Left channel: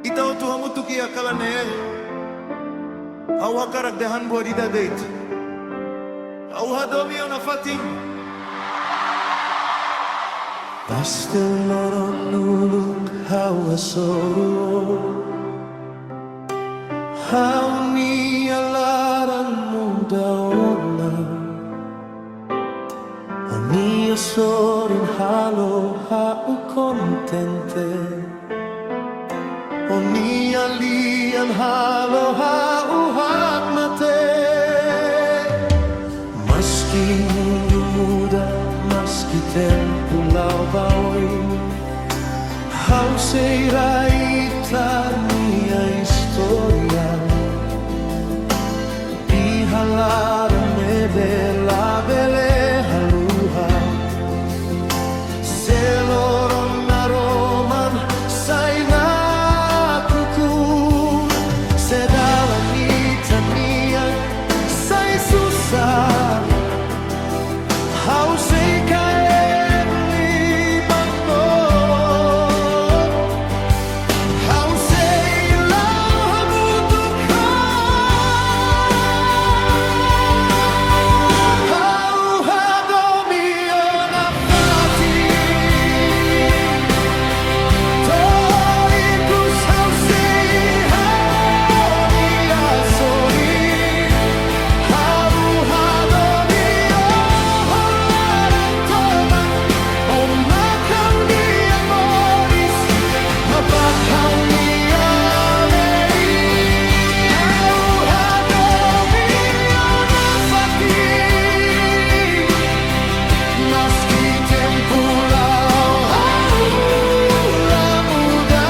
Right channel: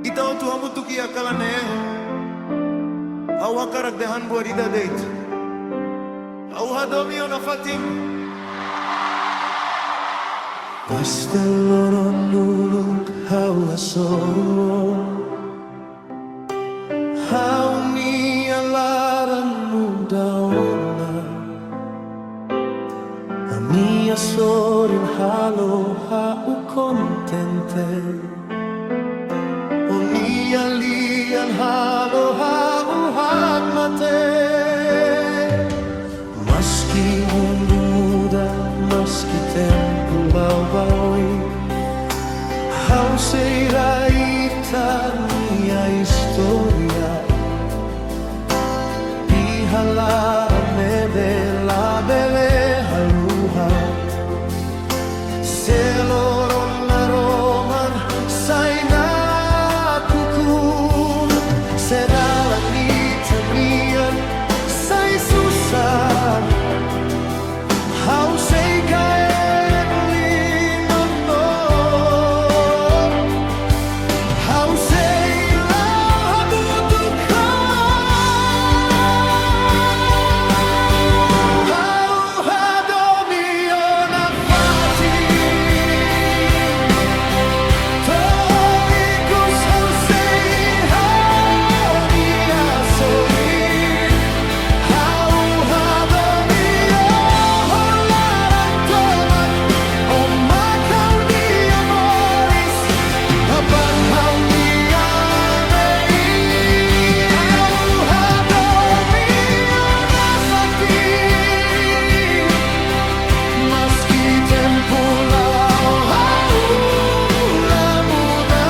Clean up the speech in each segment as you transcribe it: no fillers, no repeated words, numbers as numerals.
Itaw tu hamutuk kalane Hau hakaragdahan Laran Ida Deit Hau Hadomi o Nafatin Pasteloron nuluk hau asoruo Hau nia laran muda ona Ania sorin halo hau kontente O nia lian halo hau hakmate Maski mundo muda, maski tempu lau baoi Hau sei Ita Nia Istória Iha Laran Ida Deit haluha Seloron na Roman Sei Hein O Dalan Ita Sei susar Hau sei kaen limang no Hau sei lau hamutuk Hau Hadomi o Nafatin Toikus hau sei Hein O Nia Mehi Hau Hadomi o Laran Mak Ha'u Nia moris Mak Ha'u Nia Mehi Hau Hadomi o Nafatin Maski tempu muda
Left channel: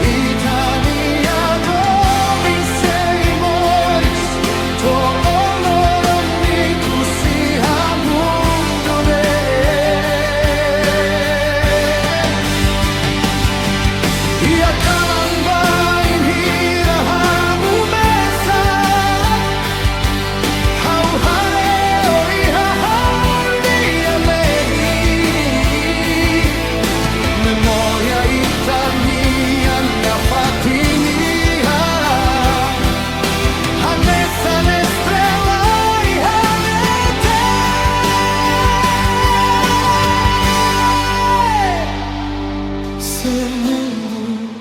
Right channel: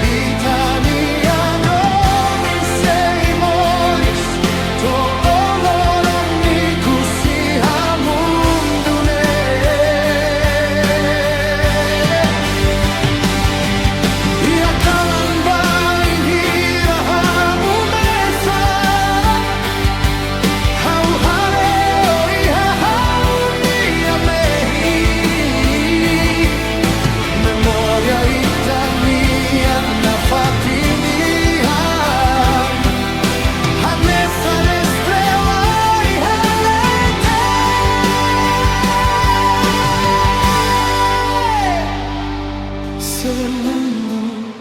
Itania Domin sei moris To Romantiku si hamundune Diak bainhira mesa Hau Ha'u Nia Mehi Memoria Ita Nafatin hanesan estrela halete Se mundo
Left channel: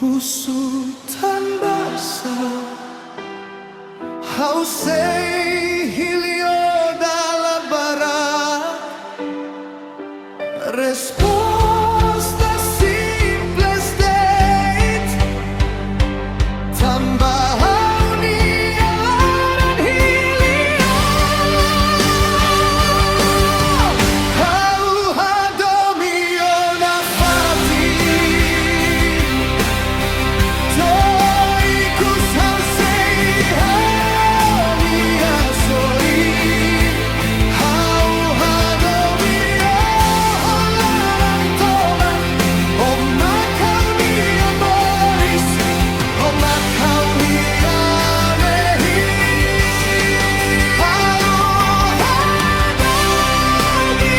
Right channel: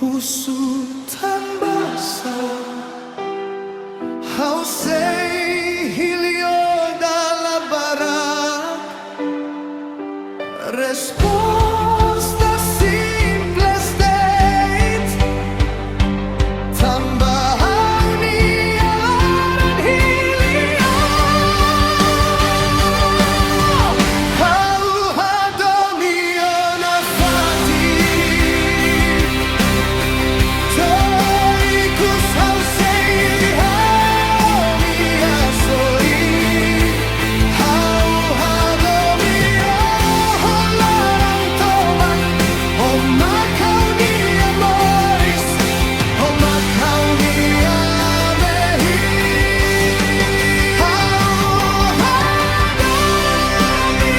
husu tanbasa Hau sei hilio dalla barak Resposta simples deit Tamba Ha'u Nia Laran hilio Hau Hadomi o Nafatin Toikus hau sei Hein O Nia Hau Hadomi o Laran Mak Ha'u Nia moris Mak Ha'u Nia Mehi Hau Hadomi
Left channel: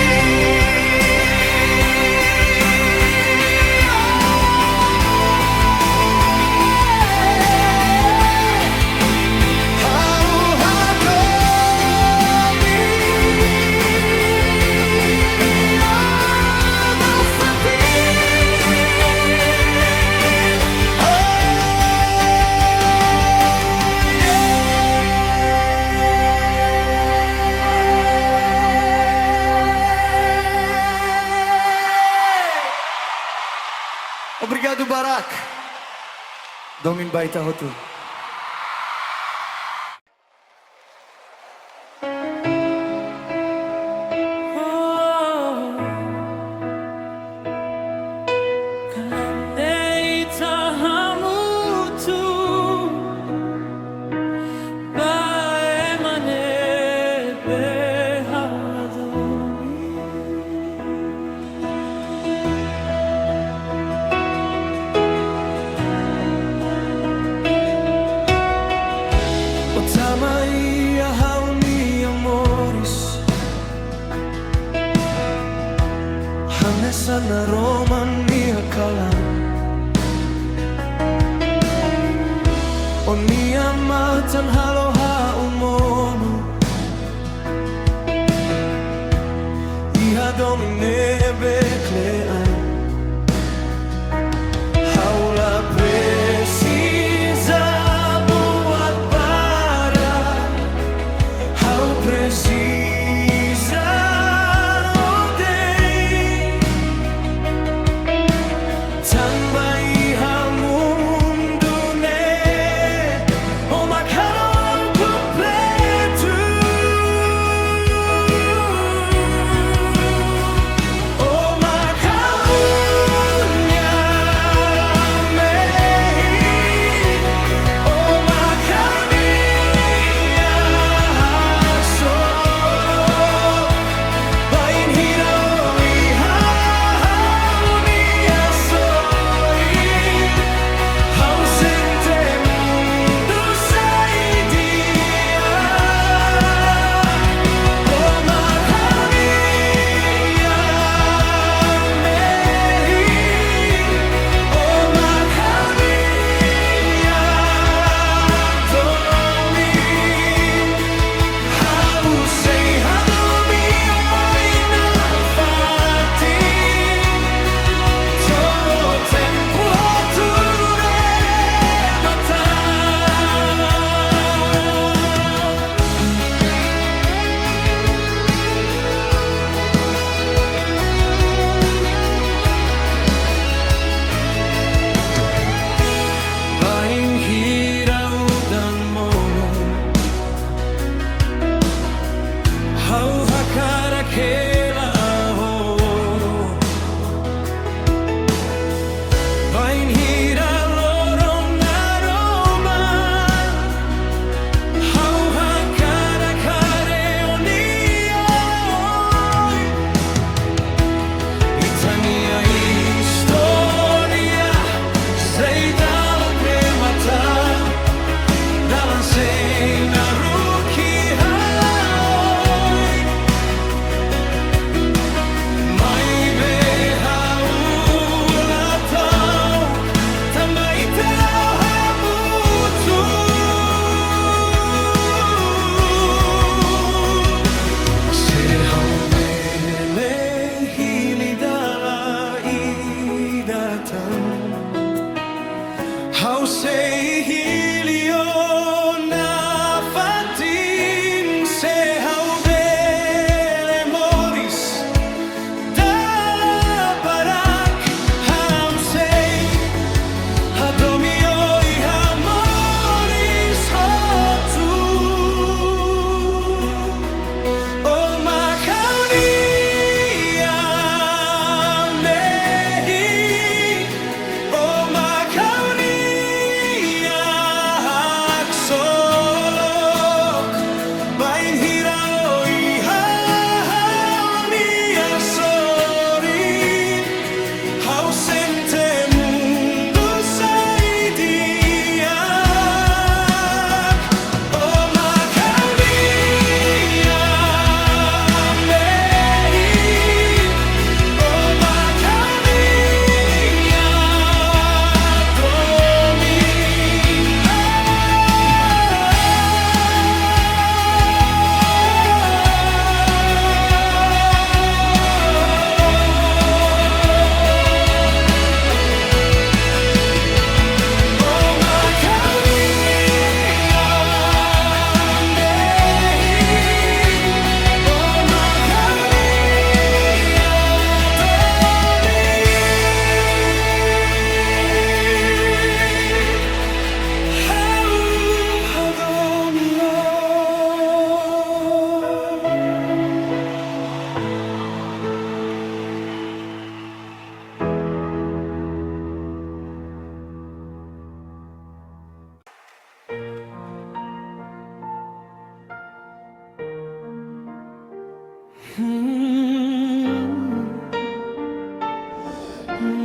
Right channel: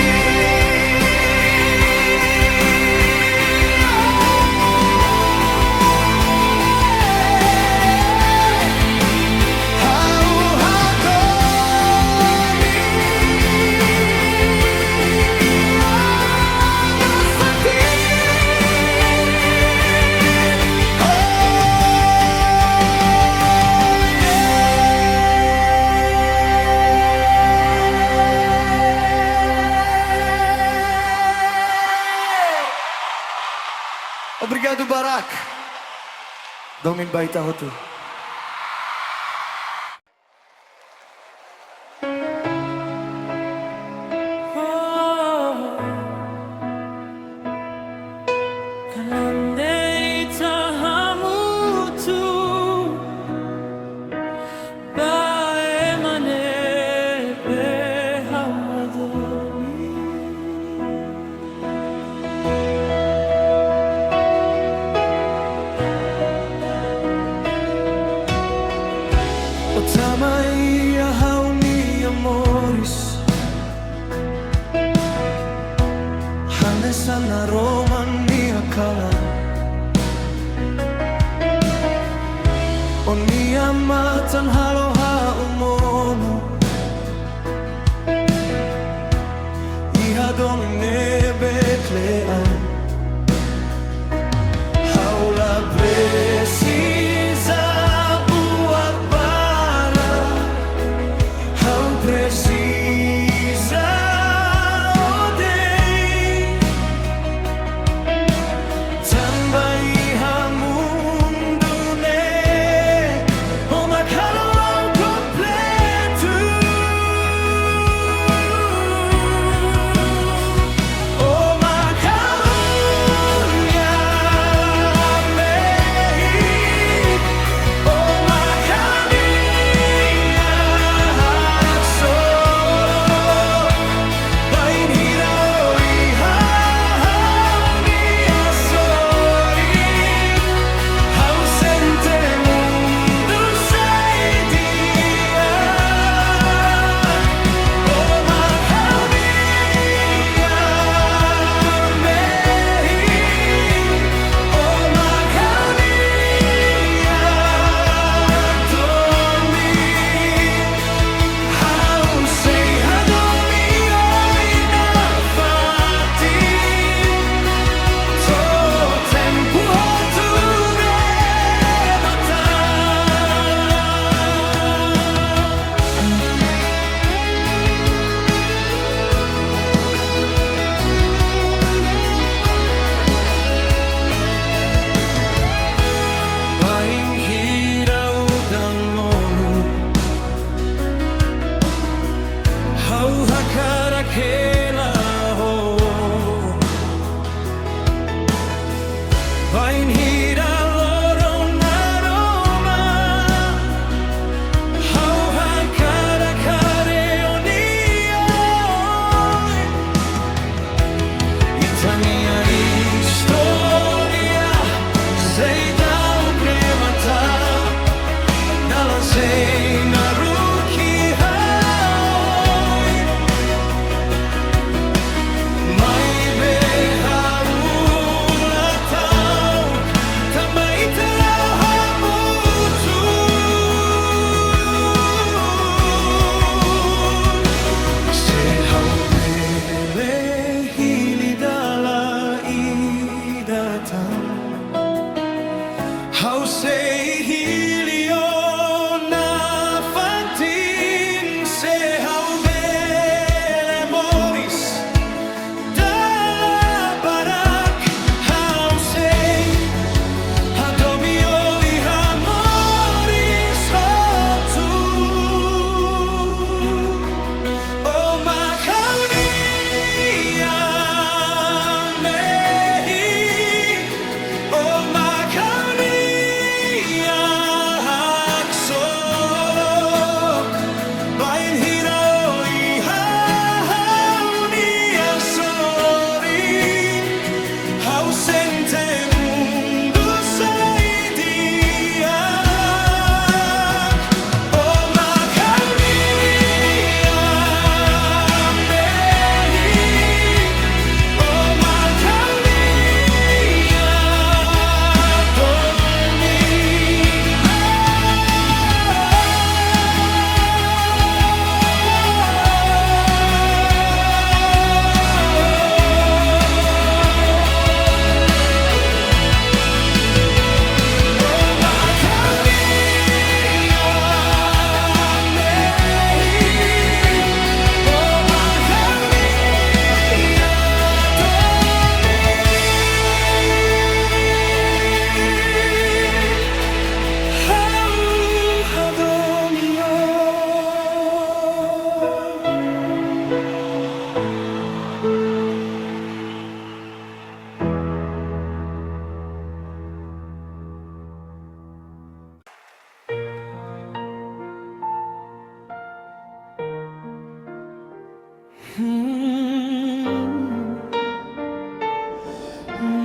Hau Hadomi Nafatin Oh yeah Obrigado Barak Domin baita hotu Kalandeita hamutuk Baemane Hadomi O Mak Ha'u Nia moris, hanesan Romantiku kala. O nia matan halo ha'u mono, Hadomi beklean. Haula precisa buat para, hau precisa odei, tambai hamundune, o Mak Ha'u completo. Bainhira udan mono, hau hakara kela ho. Bainhira loron aroma, hau hakara kare onioi. Itania Istória, Sei dalan Sei naruki haoi, mai be haulatau, tambai talau hamutuk. Se hau bele hili Laran Ida Deit, hau Sei Hein O Nafatin, Sei Hein O moris, dalan hau Sei Hadomi moris Tetun. O Mak Ha'u Nia Mehi, o Mak Ha'u Nia bainhira nia sorin, hau sente mundo sai Diak. O Mak Ha'u Nia Mehi, o Mak Ha'u Nia Domin.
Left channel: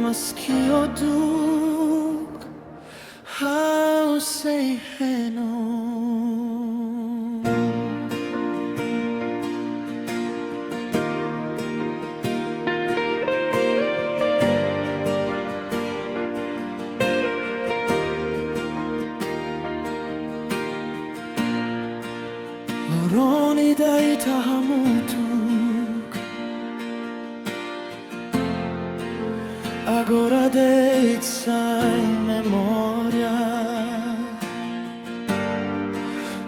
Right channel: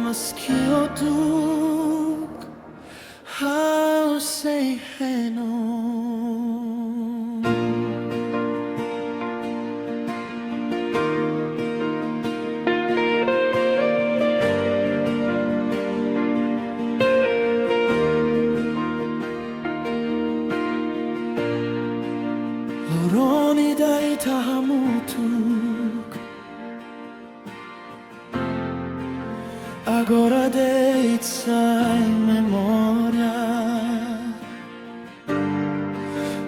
Maski o dook, hau Sei Hein O. Deit hamutuk Agora Deit sem memória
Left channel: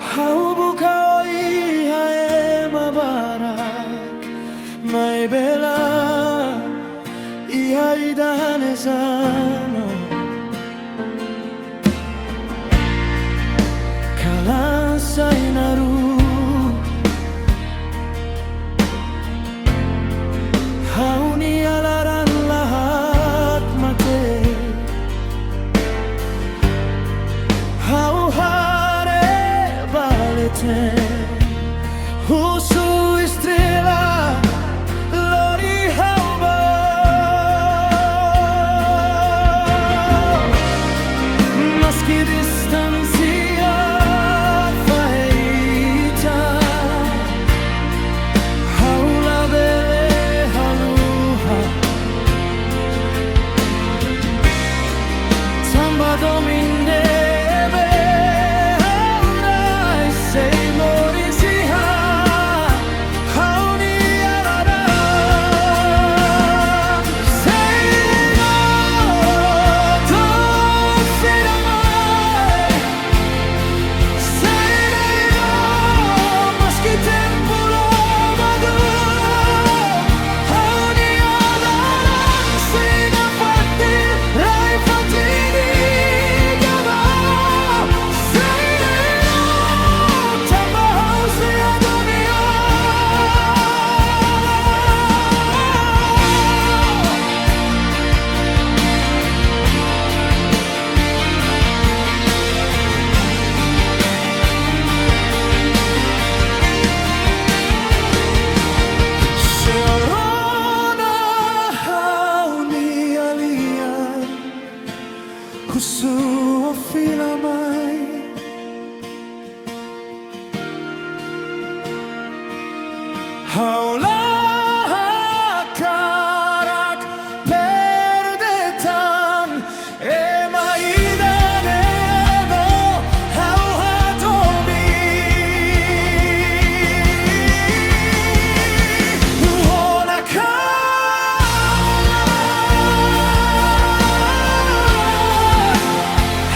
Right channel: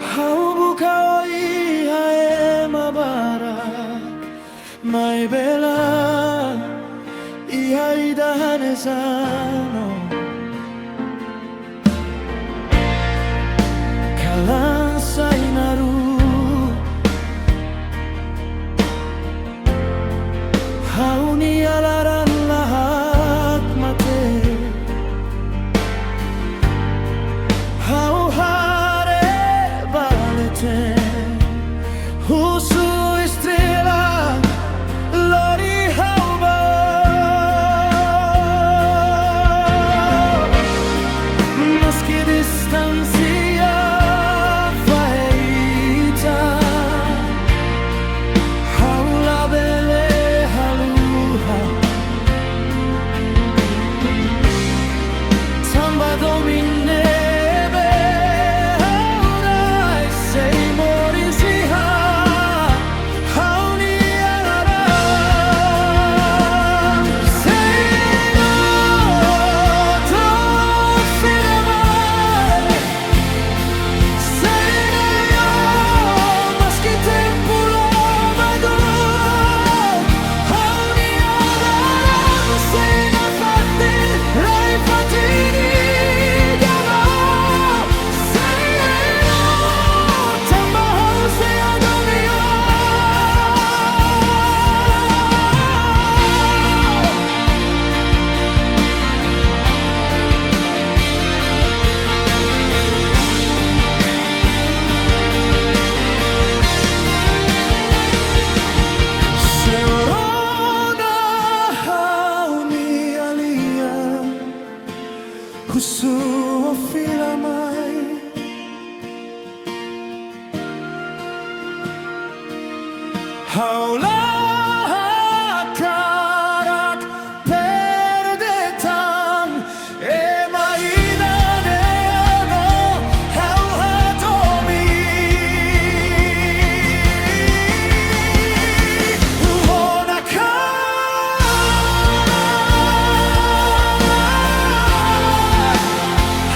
Haubuka Ia Barak Mai bela Ia ida hanesan Kalan Sei Hein O Ha'u Nia Laran lahat mate Ha'u hare baleten Husu estrela Lori hauba Maski distancia faita Ha'u la bele haluha Samba Domin Sei moris Ha'u Nia Laran Sei Hein O Dook filamai Sei Hein O maski tempu dook Ha'u Nia Laran Sei Nafatin Nafatin Sei Hein O Sei Hadomi Mak Ha'u Nia Mehi husi filamai Haula karak perdetan Mak Ida Deit Ha'u Hadomi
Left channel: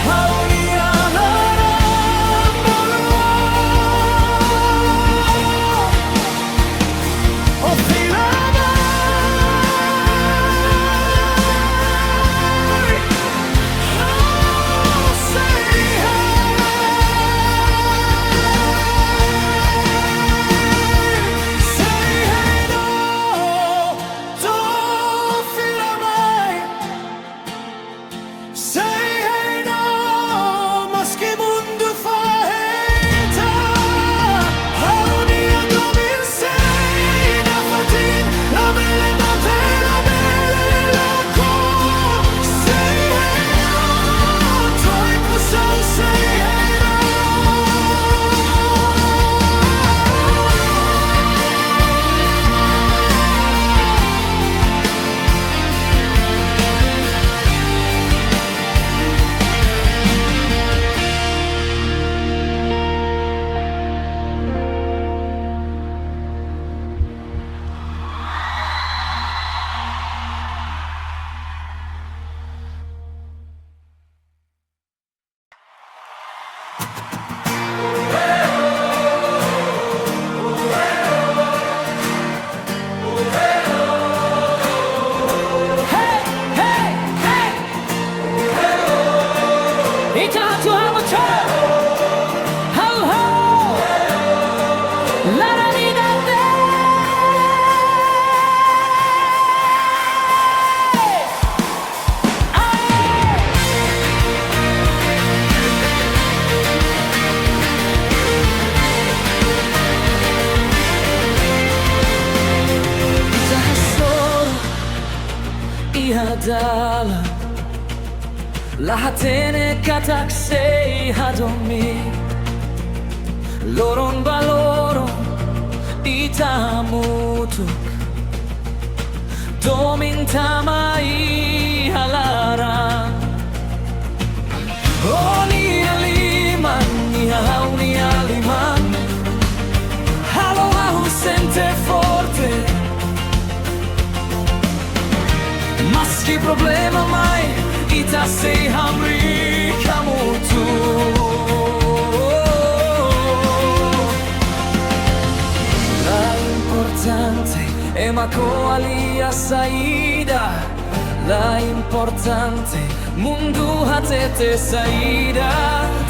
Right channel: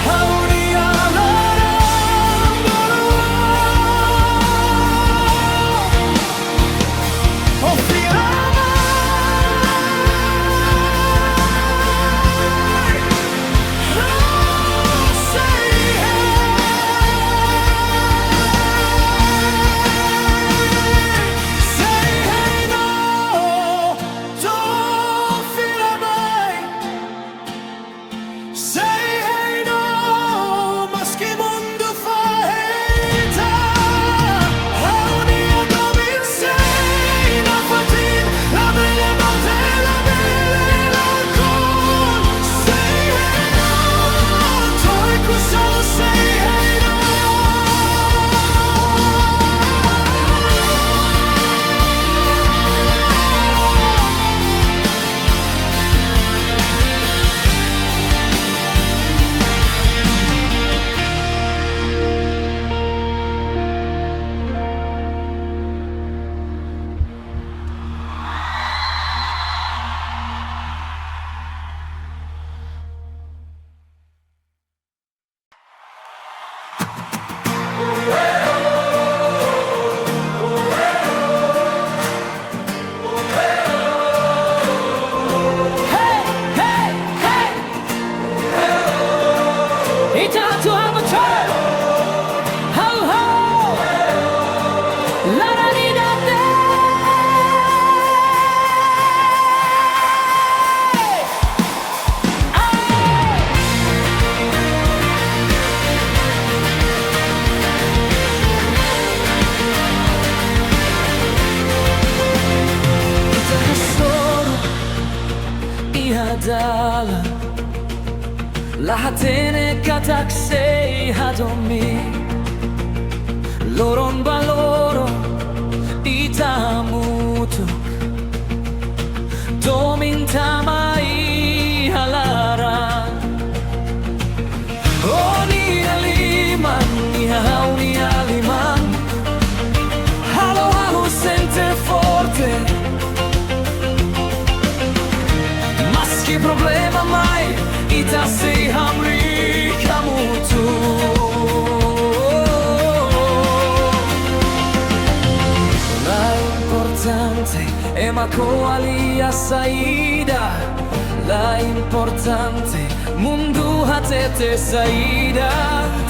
Ha'u Nia Laran bolua O filamai Sei Hein O Dook filamai Sei Hein O maski mundu faita Ha'u Nia Domin Sei Nafatin La bele mate la bele la kon Sei Hein O Toiku sau Sei Hein O Hey, hey, hey It's time to have a turn Ho, ho Laran Ida Deit Ita hasoro Ia dalan Lahatene katak Sei Hadomi Loron baloro Ita hamutuk Domin tamai halaran O Nia Ha'u Nia Liman Halo Ha'u maski problema mai ita sei hamri hamutuk. La importante è Mak Ha'u Nia saida. La importante mundu hatete saida.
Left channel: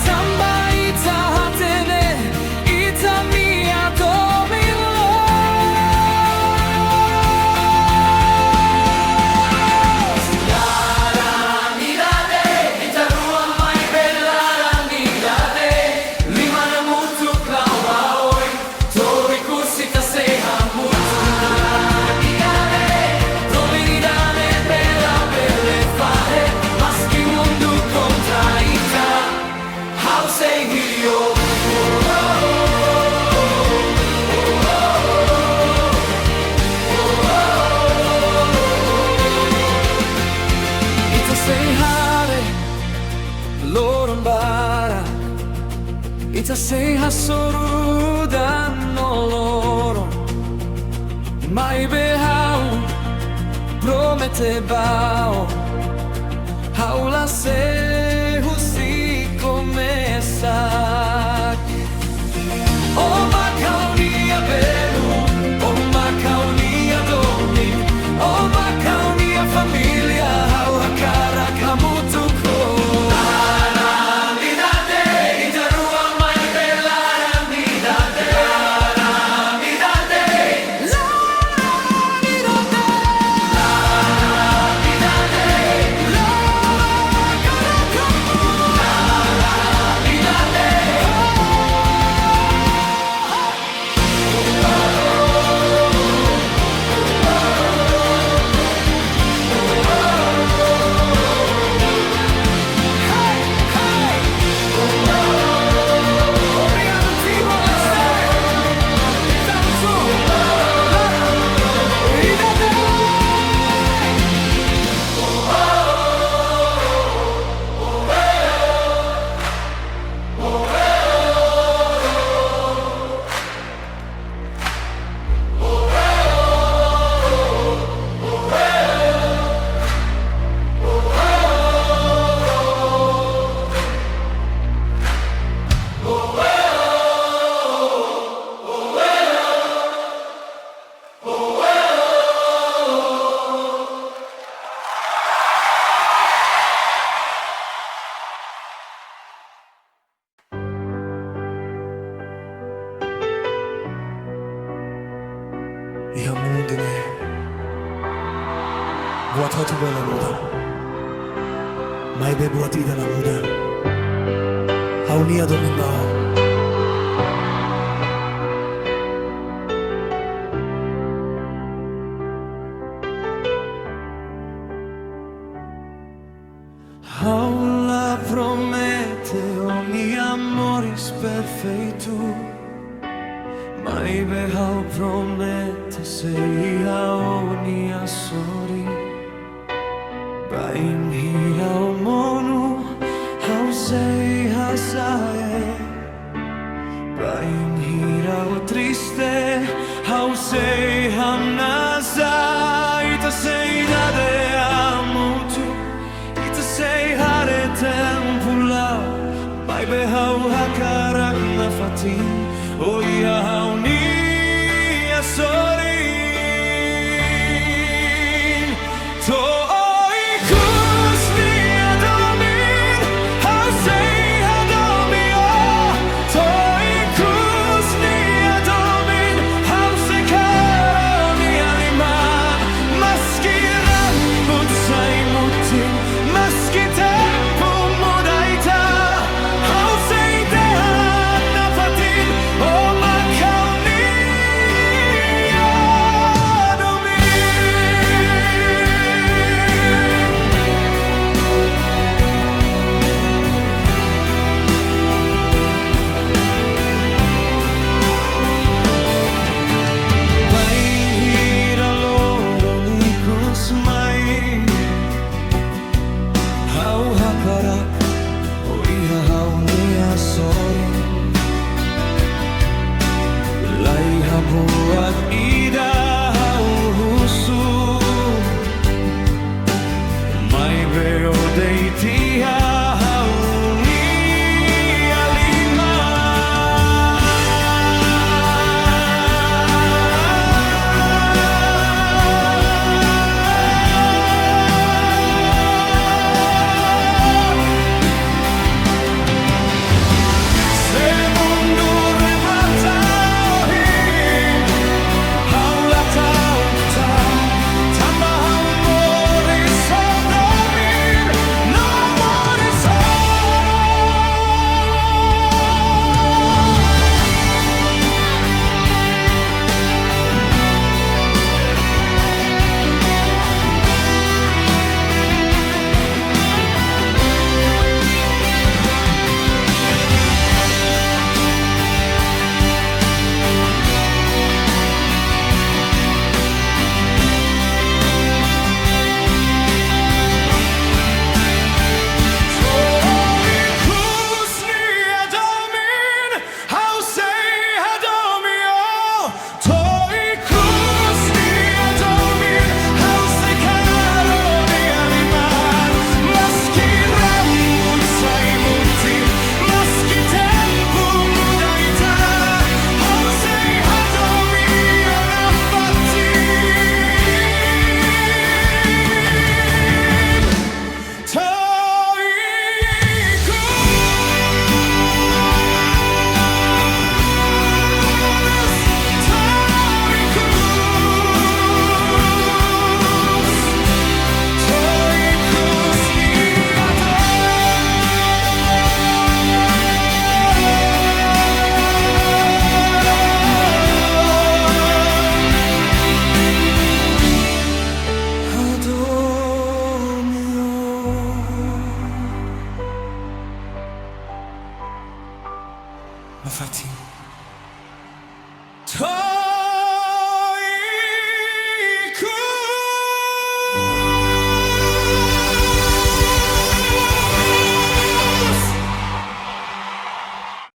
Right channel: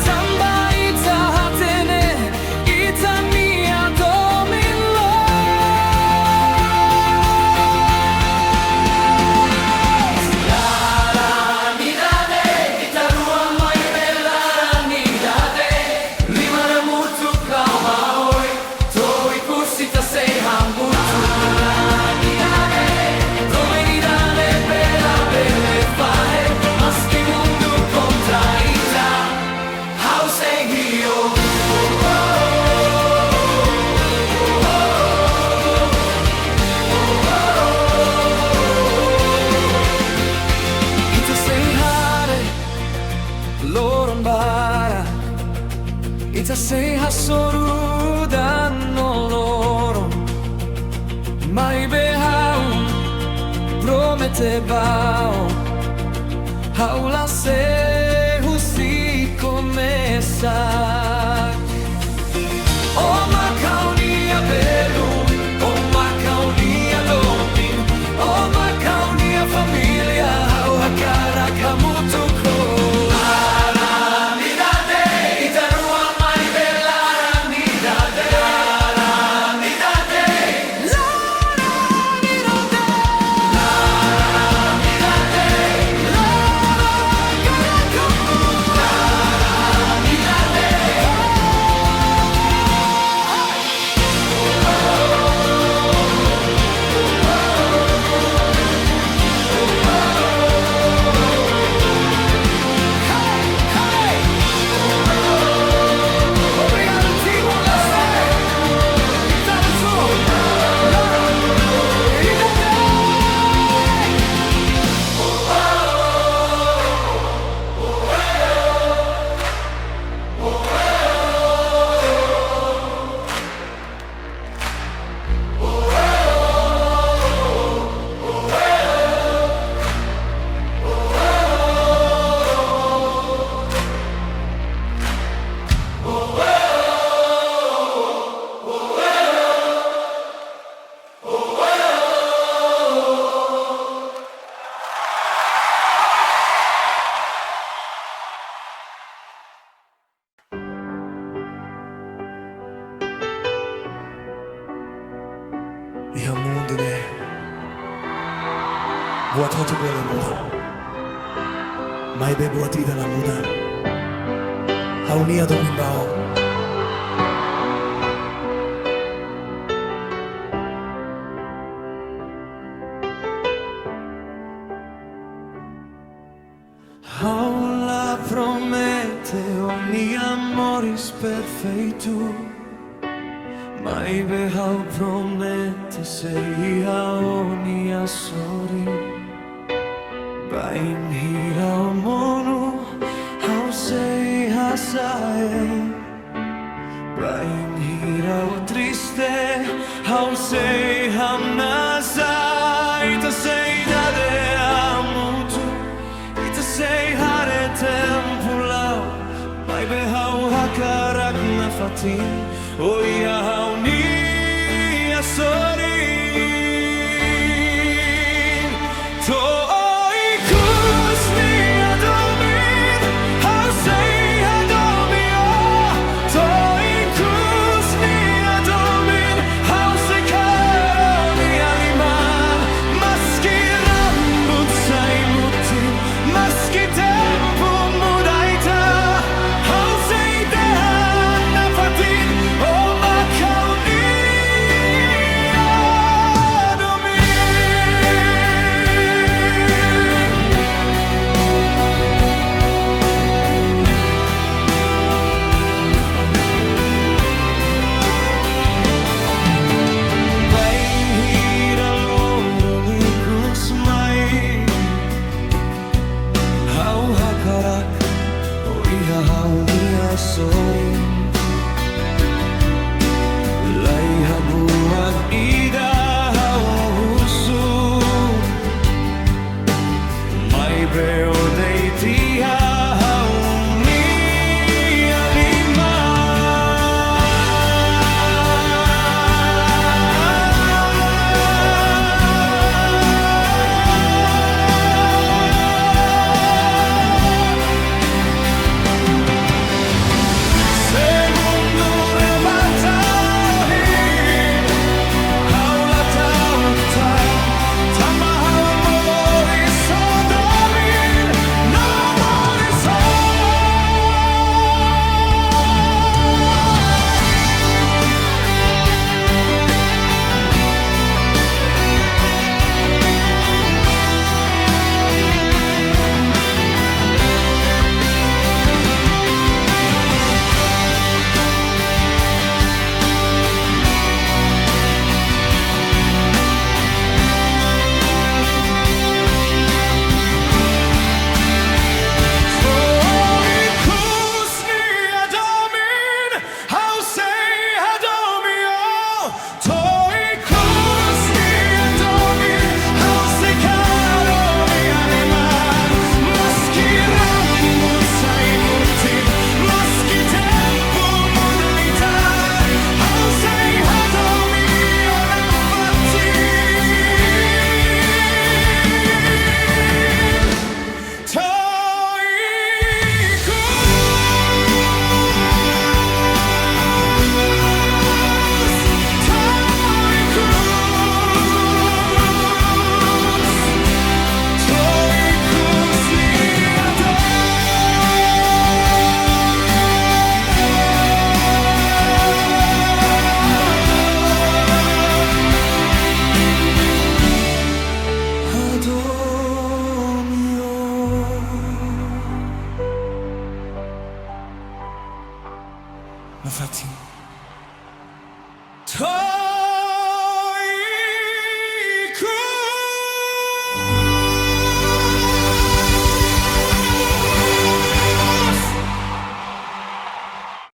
Tamba ita hatene ita mia Dominal. Laran Ida Deit ita ruang mai Laran Ida Deit. Lima na hamutuk Kona-ba toi husi ta sei hamutuk. Laran Ida Deit Dominal bella belle fare maski mundu contra ita how sei Hein O. Ita sei hare loron bara. Ita sei hasorudan noloron. Mai behau promete bao. Haula se husi começar. O Mak Ha'u Nia Mehi, o Mak Ha'u Nia Domin, o Mak Ha'u Nia família, hau hakarak hamutuk. Laran Ida Deit ita ruang mai Laran Ida Deit. Laran Ida Deit. Laran Ida Deit. Laran Ida Deit. Laran Ida Deit. Hey, hey. Obrigado Timor-Leste. Estamos juntos. Laran Ida Deit. Ihan muundine. Buat hotu bela muda. Mai be buat ida la muda. Ha'u Nia Domin bao. Haula promete ogni moris perfeito. Mai be hau promete Sei Hein O nia sori. Bainhira o monu hau sei hasae. Bainhira o triste hau sei hanesan. Ita sei dade hamutuk. Ita sei hare tempu lau. Mai be hau hakarak Nafatin. O Mak Ha'u Nia sori. To maski tempu muda ita how sei Nafatin. O Mak Ha'u Nia Domin. Bainhira loron ikus mai. Hau hakarak o Mak Ha'u Nia sorin. Lai habuat ida hau husu. mai beo deiti ha'u nia lima Se mundu rematahin haula taukta tamba ha'u moris o domin no moris o maski tempu muda ita hau sei hadomi o nafatin toikus nia do Hadomi o Nafatin